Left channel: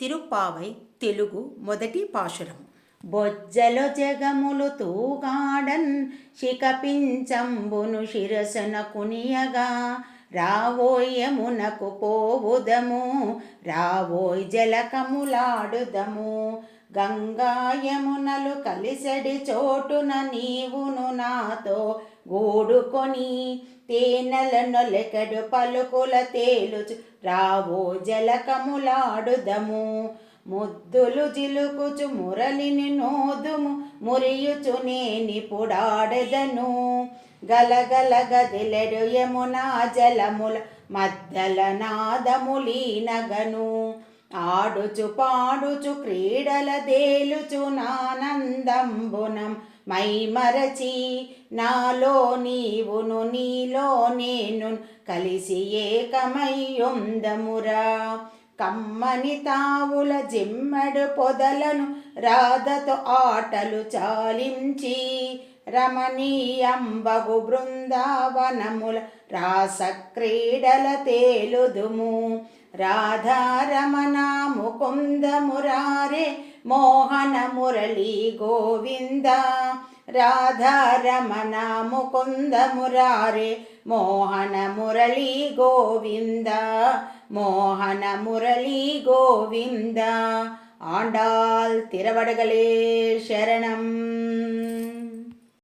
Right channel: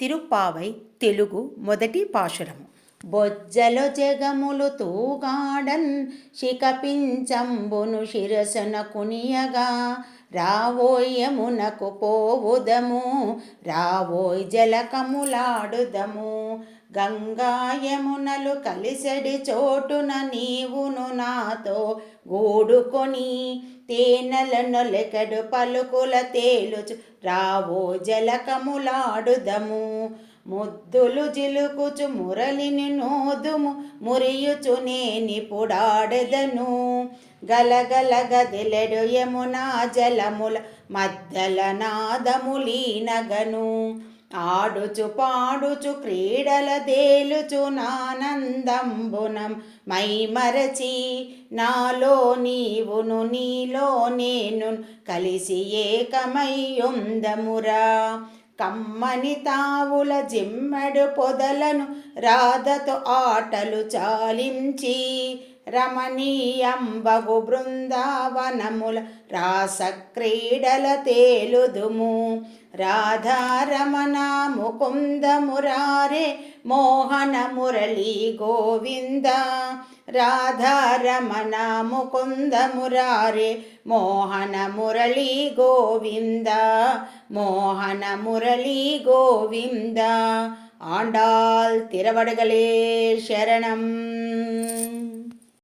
తిరుప్పావై తెలుగు మొదటి పాశురము. బొజ్జలో జగములు తూగాడన్ శిఖపించంబును శిరసన కునియగా, రావోయ్ యమునకు పోవుదము, రావోయ్ జలకములాడుదము. గంగా యమునలు కలిసెడి చోటున నీవును నాతో గూడుకొని, తేనెల నొలెకెడు పలుకుల తేలుచు రావో జలకములాడుదము. ముద్దులు జిలుకుచు మురళిని నోదుము, మురియుచు నేనిపుడాడెదను. గలగల గదిలెడు యమునా జలముల మధ్యల నాదములీనగను. ఆడుచు పాడుచు క్రీడల దేలుచు నానందంబునం మైమరచి, నాలో నీవును నీలో నేను కలిసి ఏకమయ్యుందమురా. కమ్మని తావుల జిమ్మెడు పొదలను రాధతో ఆటలు చాలించి, రమణీయంబగు బృందావనముల రాస క్రీడల తేలుదుము. రాధారమణ ముకుంద మురారే మోహన మురళీ గోవింద, రాధారమణ ముకుంద మురారే మోహన మురళీ గోవింద, మోహన మురళీ గోవింద. ఆండాల్ తిరువడగలే శరణం.